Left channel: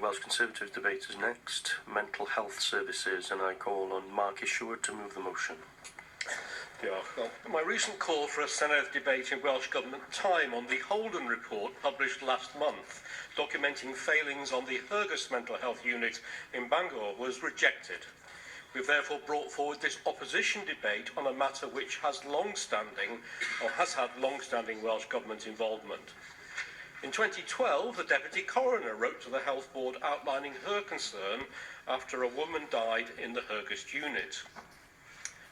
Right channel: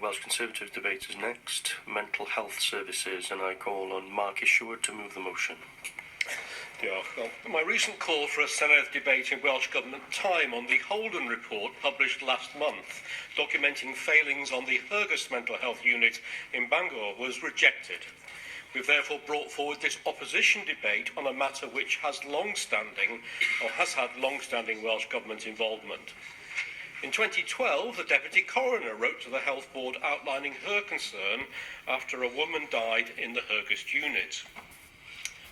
Welsh Conservative debate is next, mental health services, and I call on Mark Isherwood to move the motion. Well, my recent call for a Senedd debate in Welsh Government time on the Holden report published last month, documenting failings on the Hergus mental health unit in Bangor, was rejected. We've therefore brought forward this opposition debate on a matter which has had long-standing Welsh Government involvement. In 2012, the Deputy Coroner wrote to the Health Board outlining her concern after a woman died in the Hergus unit.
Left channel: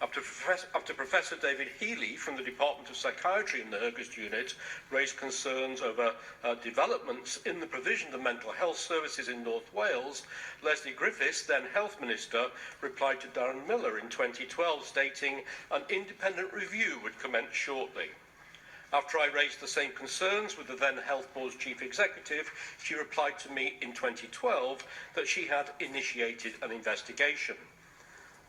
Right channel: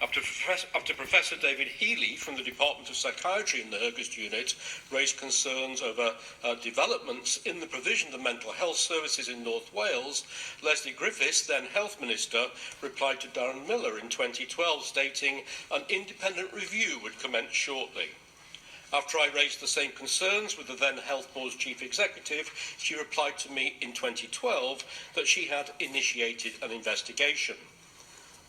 After Professor David Healy from the Department of Psychiatry in the Hergus unit raised concerns over developments in the provision of mental health services in North Wales, Leslie Griffiths, then Health Minister, replied to Darren Miller in 2012, stating an independent review would commence shortly. After I raised the same concerns with the then Health Board's Chief Executive, she replied to me in 2012 that she had initiated an investigation.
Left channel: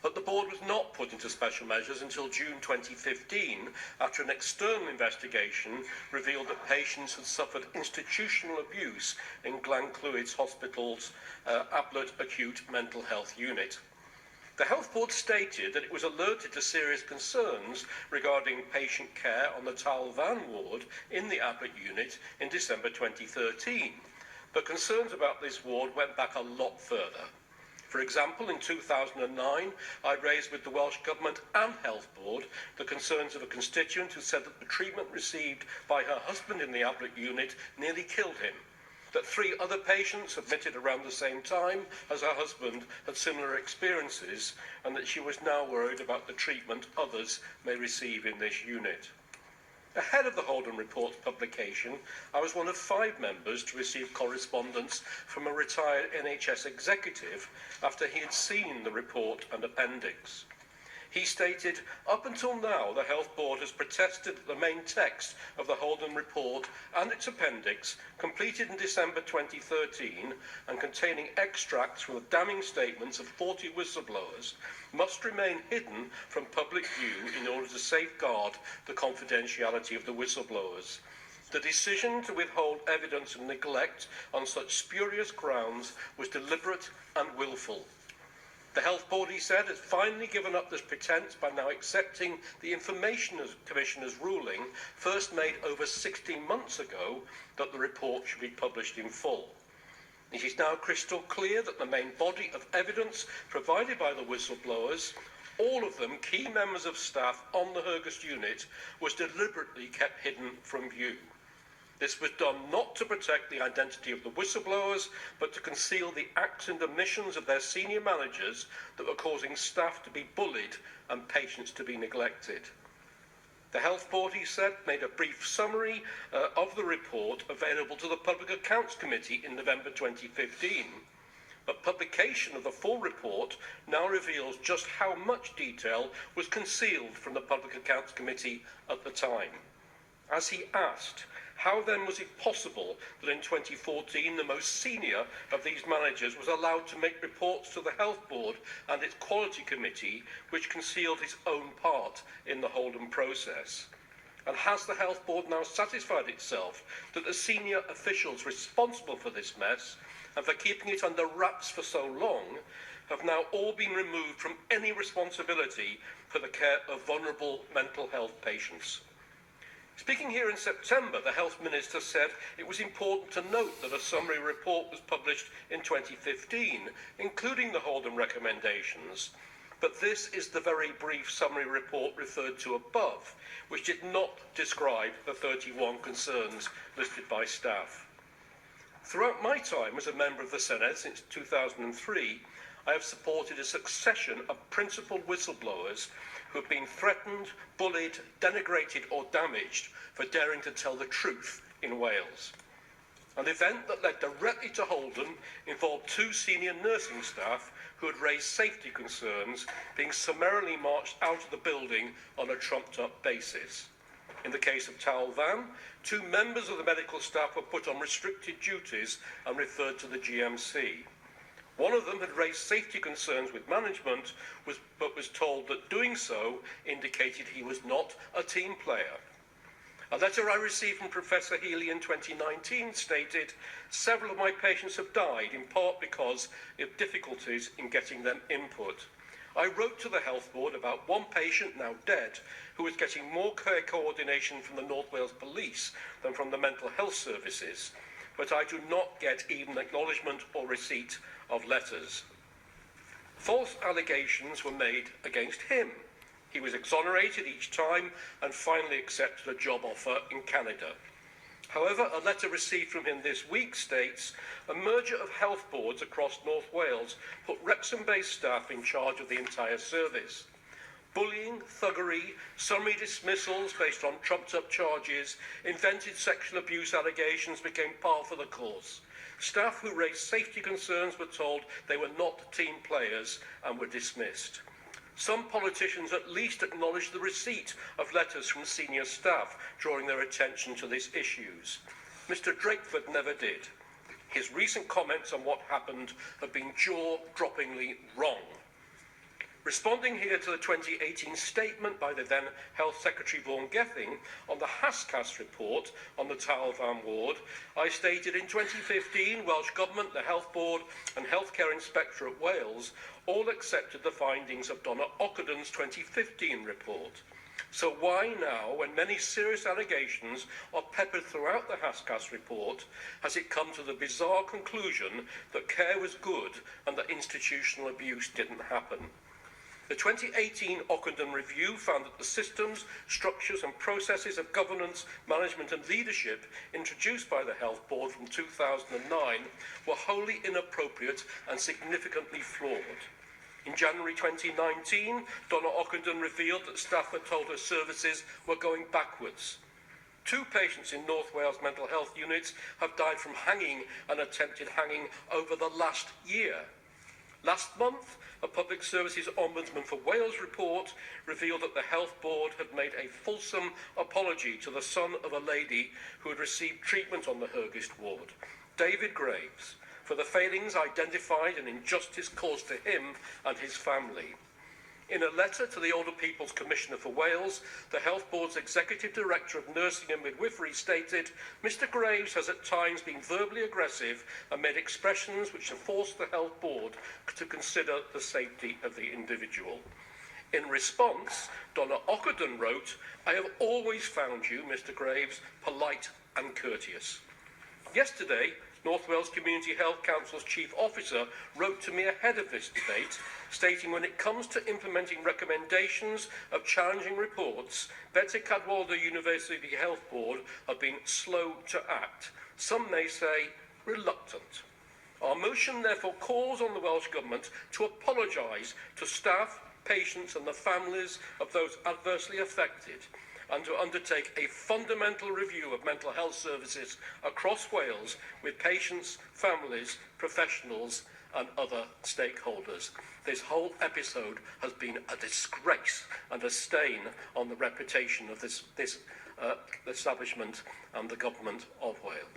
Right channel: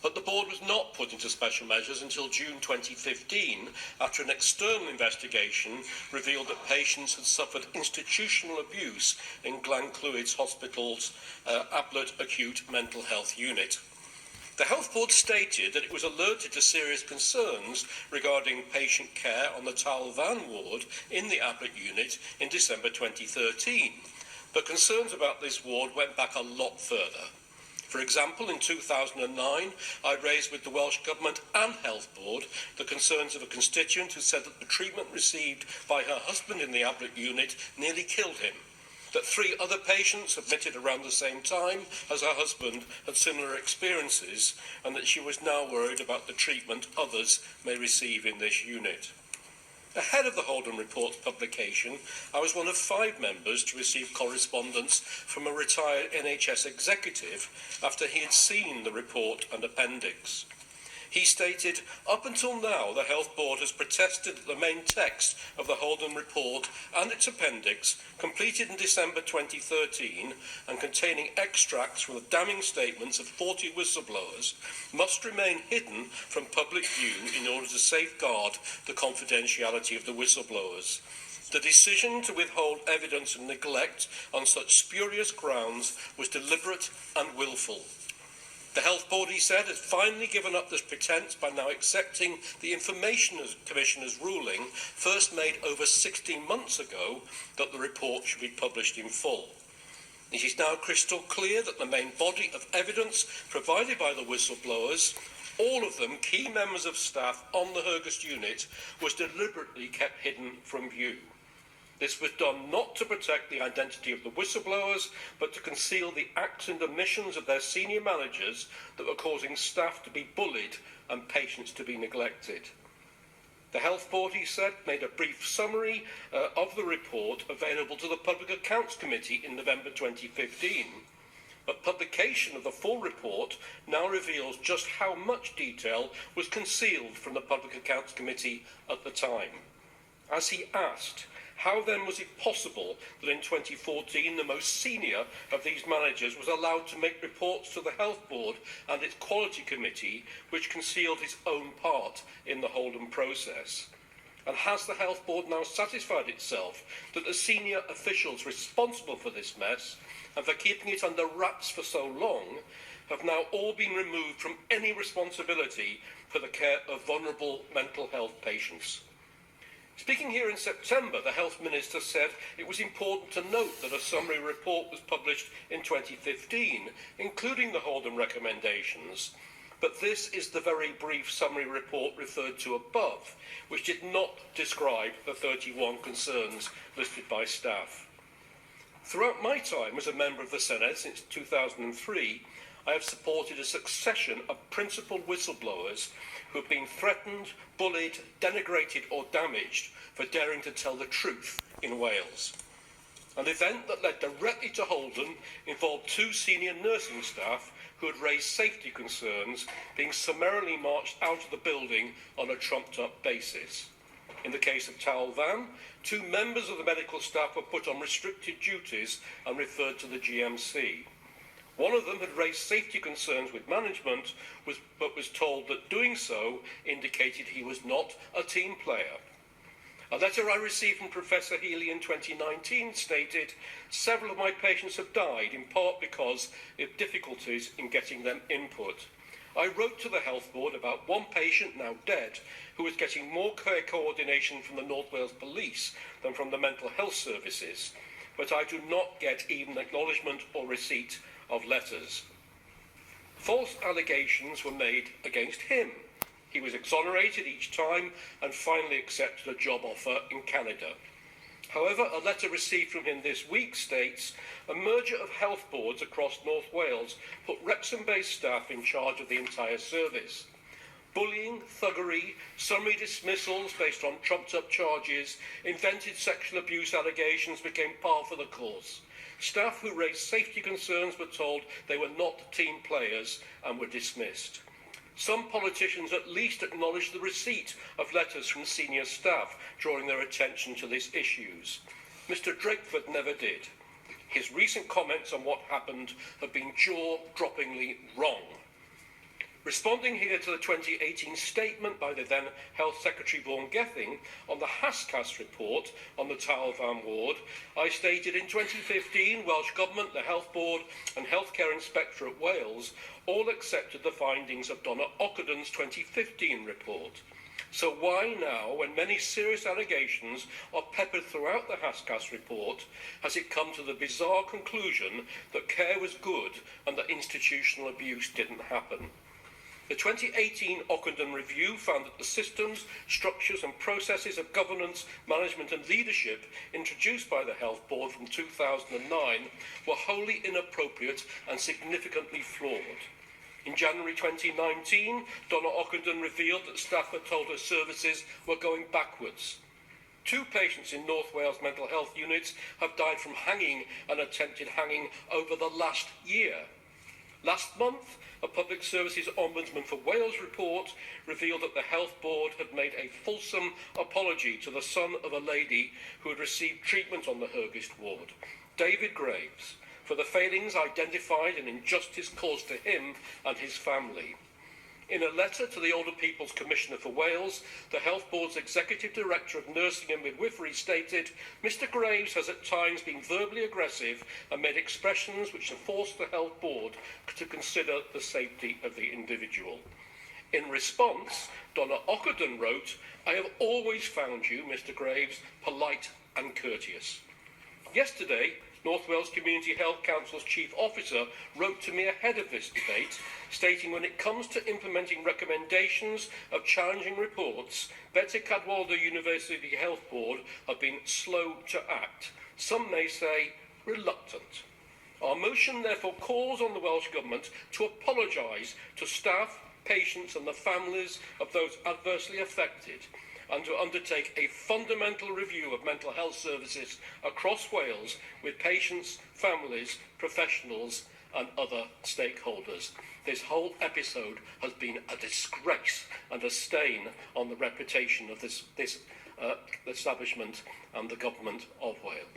But the board was not put into special measures until June 2015, after an external investigation revealed that patients had suffered institutional abuse in Glenclwyd Hospital's Ablett Acute Mental Health Unit. The Health Board stated that it was alerted to serious concerns regarding patient care on the Tal Van ward in the Ablett unit in December 2013, but concerns about this ward went back a lot further. For example, in 2009, I raised with the Welsh Government and Health Board the concerns of a constituent who said that the treatment received by her husband in the Ablett unit nearly killed him, that 3 other patients admitted around the same time as her husband had similar experiences, and that she was now worried about the treatment others may receive in this unit. Ahead of the Holden report's publication, I was one of 5 members to receive correspondence from a retired NHS executive after he had seen the report and appendix. He stated, up until now, the Health Board has protested that the main text of the Holden report and its appendix, completed in December 2013 and containing extracts from the damning statements of 40 whistleblowers, must remain hidden from public view in order to safeguard the confidentiality of the whistleblowers. The decision to withhold evidence of neglect on such spurious grounds was deliberate and willful. The Health Board, he said, has finally given up this pretence by now accepting the Information Commissioner's ruling, first made over 16 months ago, that the report should be published in full. It is now crystal clear that the main body of evidence provided by the whistleblowers, all of them key members of staff on the Hergus unit, was deliberately kept hidden from view. This was done not to protect the identity of the whistleblowers, but to conceal the acts and omissions of their senior managers that were causing staff to be bullied and patients to be neglected. The Health Board, he said, made a brief summary of the report available to the Public Accounts Committee in November 2015. But publication of the full report now reveals just how much detail was concealed from the Public Accounts Committee at the time. As he asked, how then was it possible that in 2014 the most senior of these managers was allowed to make reports to the Health Board and its Quality Committee, which concealed his own part in the Holden process? And has the Health Board now satisfied itself that the senior officials responsible for this mess and for keeping it under wraps for so long have now all been removed from any responsibility for the care of vulnerable mental health patients? Speaking here in September, the Health Minister said it was important to note that a summary report was published in 2015, including the Holden recommendations. But this is the very brief summary report referred to above, which did not describe the 31 concerns listed by staff. Throughout my time as a member of the Senedd since 2003, I have supported a succession of principal whistleblowers who have been threatened, bullied, denigrated or damaged for daring to tell the truth in Wales. An event that led directly to Holden involved 2 senior nursing staff who had raised safety concerns being summarily marched out of the building on a trumped-up basis. In the case of Tal Van, 2 members of the medical staff were put on restricted duties and referred to the GMC. One of them had raised safety concerns with management, but was told that doing so indicated he was not a team player. A letter I received from Professor Healy in 2019 stated, "Several of my patients have died, in part because of difficulties in getting them input. I wrote to the Health Board about one patient, now dead, who was getting more care coordination from the North Wales Police than from the mental health services, but I do not get even acknowledgement or receipt of letters." False allegations were made against him. He was exonerated each time and finally accepted a job offer in Canada. However, a letter received from him this week states, "A merger of health boards across North Wales put Wrexham-based staff in charge of the entire service. Bullying, thuggery, summary dismissals based on trumped-up charges, invented sexual abuse allegations became par for the course. Staff who raised safety concerns were told they were not team players and were dismissed. Some politicians at least acknowledged the receipt of letters from senior staff drawing their attention to these issues. Mr. Drakeford never did. His recent comments on what happened have been jaw-droppingly wrong." Responding here to the 2018 statement by the then Health Secretary Vaughan Gething on the HASCAS report on the Tawel Van ward, I stated in 2015 Welsh Government, the Health Board and Healthcare Inspectorate Wales all accepted the findings of Donna Ockenden 2015 report. So why now, when many serious allegations are peppered throughout the HASCAS report, has it come to the bizarre conclusion that care was good and that institutional abuse didn't happen? The 2018 Ockenden Review found that the systems, structures and processes of governance, management and leadership introduced by the Health Board from 2009 were wholly inappropriate and significantly flawed. In January 2019, Donna Ockenden revealed that staff were told her services were going backwards. 2 patients in North Wales mental health units have died from hanging and attempted hanging over the last year. Last month, a Public Services Ombudsman for Wales report revealed that the Health Board had made a fulsome apology to the son of a lady who had received treatment on the Hurgist ward, David Graves, for the failings identified and injustice caused to him and his family. In a letter to the Older People's Commissioner for Wales, the Health Board's Executive Director of Nursing and Midwifery stated, "Mr Graves has at times been verbally aggressive and made expressions which have forced the Health Board to consider the safety of the individual." In response, Donna Ockenden wrote, "I have always found you, Mr Graves, polite and courteous." Yesterday, North Wales Community Health Council's Chief Officer wrote to me ahead of this debate, stating when it comes to implementing recommendations of challenging reports, Bete Cadwaladr University Health Board have been slow to act. Some may say reluctant. Our motion therefore calls on the Welsh Government to apologise to staff, patients and the families of those adversely affected, and to undertake a fundamental review of mental health services across Wales with patients, families, professionals and other stakeholders. This whole episode has been a disgrace and a stain on the reputation of this establishment and the Government of Wales.